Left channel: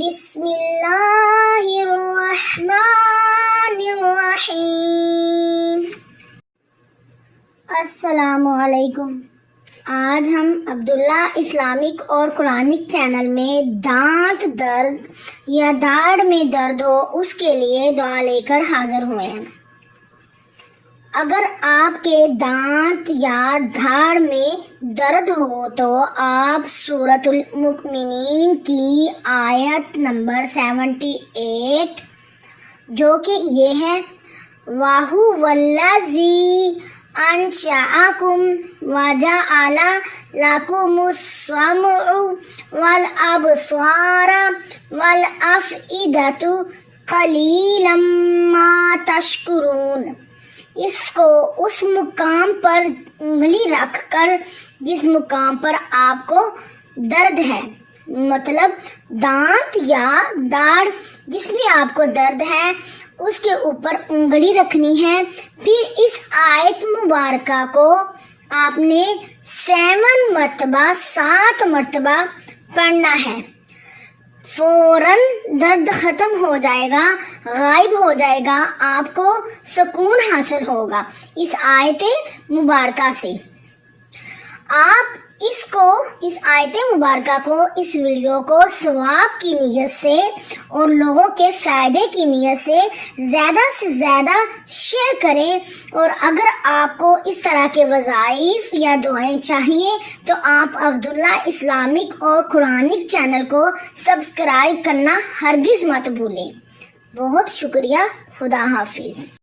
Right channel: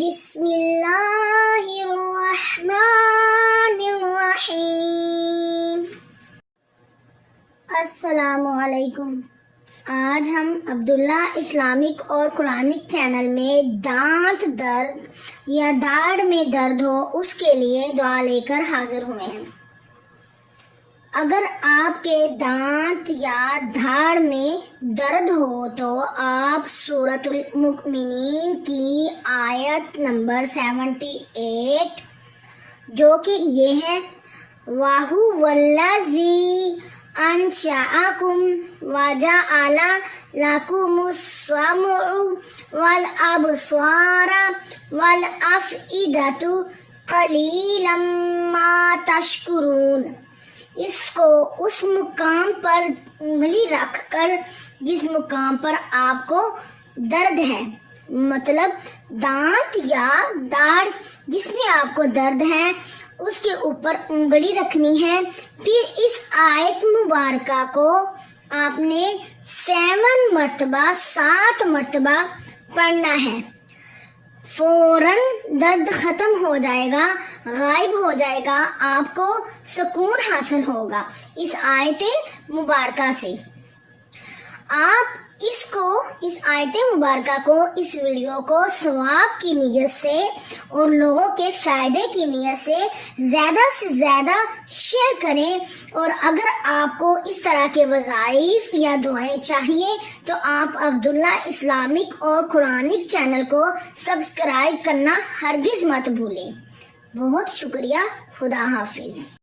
بسم اللہ الرحمن الرحیم۔ السلام علیکم۔ آج ہم عبداللہ اسلامک اور قرآنک چینل میں دانت درد یا داڑھ میں درد ہو اس کے لیے دعا لے کر حاضر ہوئے ہیں۔ اگر آپ کے دانت یا دھاڑ میں درد ہو تو آپ سورۃ المؤمنین کی آیت نمبر 78 جو کہ یہ ہے وَهُوَ الَّذِي أَنشَأَكُمْ وَجَعَلَ لَكُمُ السَّمْعَ وَالْأَبْصَارَ وَالْأَفْئِدَةَ قَلِيلًا مَا تَشْكُرُونَ۔ اس کو اس مقام پر انگلی رکھ کر جس مقام پر آپ کو درد ہے، مطلب دانت یا داڑھ جس میں آپ کو درد ہے اس کے اوپر انگلی رکھنی ہے۔ پھر اس آیت مبارکہ کو آپ نے 7 مرتبہ پڑھنا ہے۔ فوراً درد ختم ہو جائے گا، غائب ہو جائے گا، آپ کو سکون حاصل ہوگا اس آیت مبارکہ سے۔ آپ اس آیت مبارکہ کو، اس ویڈیو کو ثواب کی نیت سے اور لوگوں کے فائدے کی نیت سے زیادہ شیئر کریں، اور اگر آپ کو اس طرح کے وظائف یا دعائیں چاہیے تو آپ عبداللہ اسلامک اور قرآنک چینل کو سبسکرائب کرنا ہرگز مت بھولیں۔ بہت شکریہ۔ خدا حافظ۔